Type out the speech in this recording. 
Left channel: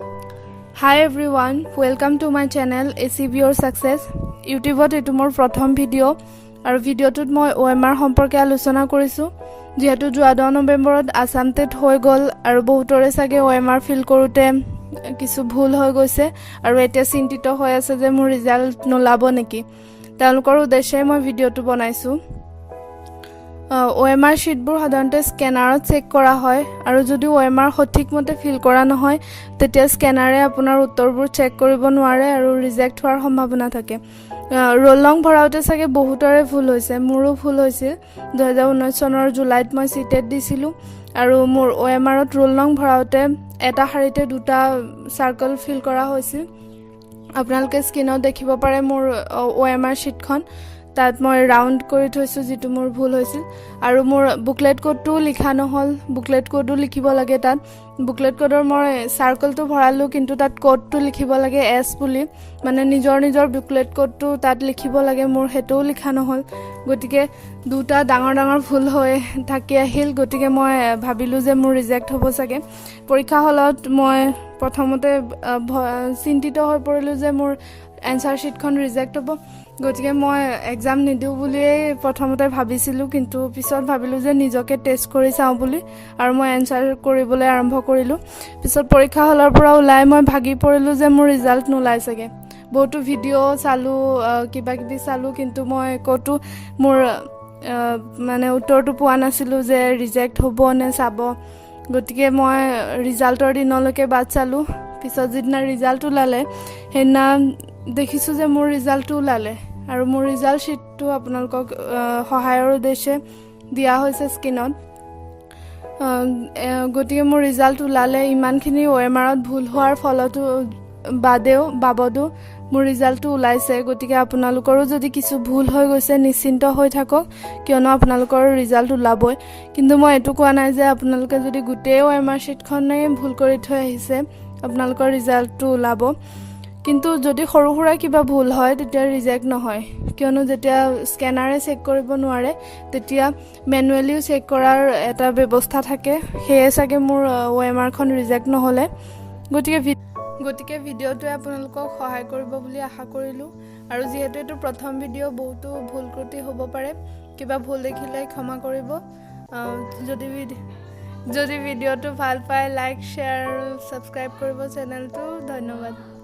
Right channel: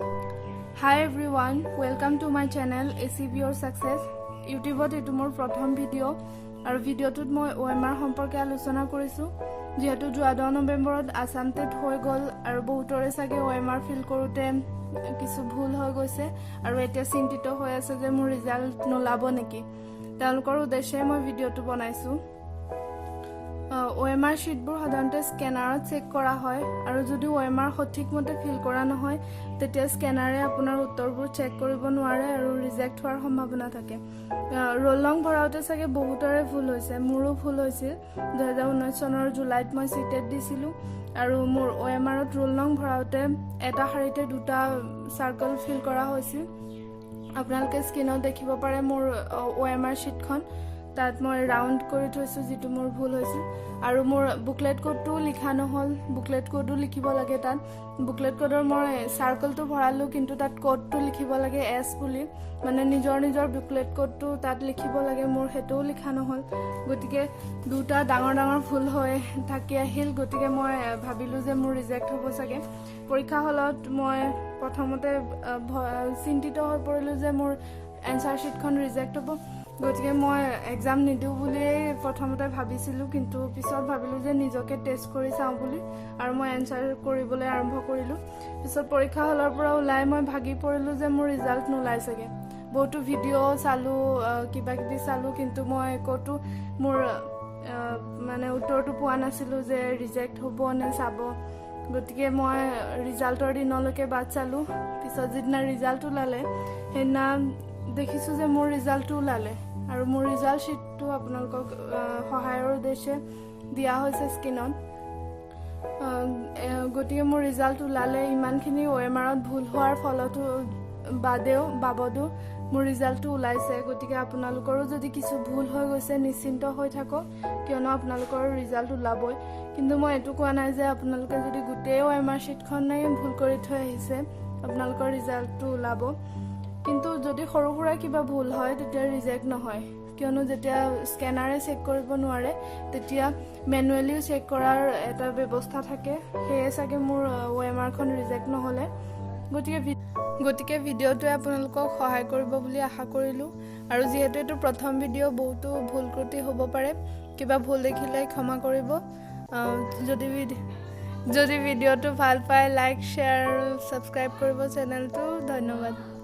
Hi everyone, welcome to my channel ACB Your Success. YouTube এটো মোৰ প্ৰথম video আৰু ভিডিওটোত মই OMR সম্পৰ্কে আলোচনা কৰিছো যেহেতু 14 নৱেম্বৰত আসাম টেট হৈ গল আৰু বহুতৰে সাগে OMR ফিল কৰোতে কিছু ভুল হৈ গৈছে আৰু এতিয়া চিন্তিত হৈ আছে যে মোৰ ৰিজাল্ট নোলাব নেকি তেওঁলোকৰ উদ্দেশ্যে মই ভিডিওটো বনাইছো OMR sheetবোৰ সাধাৰণতে স্ক্যানাৰত চেক কৰা হয় আৰু যদি OMR সঠিকমতে ফিল কৰা নহয় তেতিয়া স্ক্যানাৰে আপোনাৰ উত্তৰবোৰ চেক কৰিব নোৱাৰে আৰু ৰিজেক্ট হোৱাৰ সম্ভাৱনা থাকে ৰোল নং ভৰাওতে সাগে বহুতৰে ভুল হৈছে মোৰো ভুল হৈছিল 2019 চনৰ জুলাইত মই সিটেট দিছিলো আৰু মোৰ OMRত ৰোল নং ভৰাওতে এটা শাৰীতে দুটা সাৰ্কেল ফিল কৰা হৈছিল আপোনালোকে স্ক্ৰিনত দেখিব পাৰে মোৰ OMR sheetখন তাত মই ৰাউন্ড কৰি থৈছো যেটো মোৰ ভুল হৈছিল আৰু মোৰ বুকলেট কোডটো লিখা নহল বুকলেট কোডটো লিখিব লাগে তাত বুকলেট কোডৰ মই সাৰ্কেলটো ভৰালো কিন্তু তাত কোডটো লিখিব লাগে এস বুলি মানে নিজৰ বুকলেট কোডটো তাত লিখিব লাগে মোৰ হেটোও লিখা নহল গটিকে দুটা ডাঙৰ ভুল হৈ থাকি আহিল গটিকে মই ভাবিলো যে মোৰ ৰিজেক্ট হ'ব সাগে পৰীক্ষা হলত মই প্ৰথমতে চিন্তিত হৈ পৰিলো যে মোৰ এনসাৰ শিটখন ৰিজেক্ট হ'ব গটিকে মই এক্সাম নিদিও বুলি প্ৰথমতে ভাবিছিলো কিন্তু পিছত ভাবিলো যে নিজকে টেষ্ট কৰি চাও বুলি আৰু মই এনসাৰ কৰিবলৈ আৰম্ভ কৰিলো পিছত পৰীক্ষা হলৰ পৰা ওলাই মই ভাগি পৰিলো যে মোৰ ৰিজাল্ট নোলাই সাগে বহুতো ভিডিও চালো কিবা কিবি চালো কিন্তু মই কতো মোৰ মানে উত্তৰটো পোৱা নাছিলো যে ৰিজেক্ট হ'ব নে চাব গটিকে মই ৰিজাল্টৰ দিনলৈকে বাদ চালো পিছত যিদিনা ৰিজাল্ট ওলালে হেনা দেখিছো যে মোৰ ৰিজাল্টটো ওলালে আৰু মোৰ ৰিজাল্ট শিটটো আপোনালোকক সহায়ৰ উদ্দেশ্যে দিয়া হৈছে স্ক্ৰিনত গটিকে মোৰ ৰিজাল্ট ওলালে ইমানখিনি OMRত ভুল হোৱাৰ ফলতো বাবদো মোৰ ৰিজাল্টটো ওলাইছে গটিকে আপোনালোকৰো যদি কিছু ভুল হৈ গৈছে নিশ্চিন্ত হৈ থাকক কিয়নো আপোনালোকৰ ৰিজাল্ট ওলাবই কিন্তু মই এটো কোৱা নাই যে আপোনালোকে যদি গুটেই OMR শিটখনে ভুল কৰি থৈ আহিছে আপোনালোকৰ ৰিজাল্টটো ওলাব কিন্তু যদি সৰু সৰু কিবা ভুল হয় তেতিয়া ৰিজেক্ট নহয় কিয়নো যেতিয়া স্ক্যানাৰে চেক কৰিব নোৱাৰে তেতিয়া ম্যানুয়ালি চেক কৰাৰ এটা ব্যৱস্থা থাকে হেয়ে সাগে মোৰ OMR খন ৰিজেক্ট নহলে গটিকে ভিডিওটোৱে আপোনালোকক সহায় কৰিব বুলি আশা কৰিলো আৰু যেহেতু এটো প্ৰথম ভিডিও বহুতো ভুল ত্ৰুটি হ'ব পাৰে কিবা ভুল দেখিলে ক্ষমা কৰিব যদি ভিডিওটো ভাল পায় লাইক শেয়াৰ আৰু সাবস্ক্ৰাইব কৰিব চেনেলটো ধন্যবাদ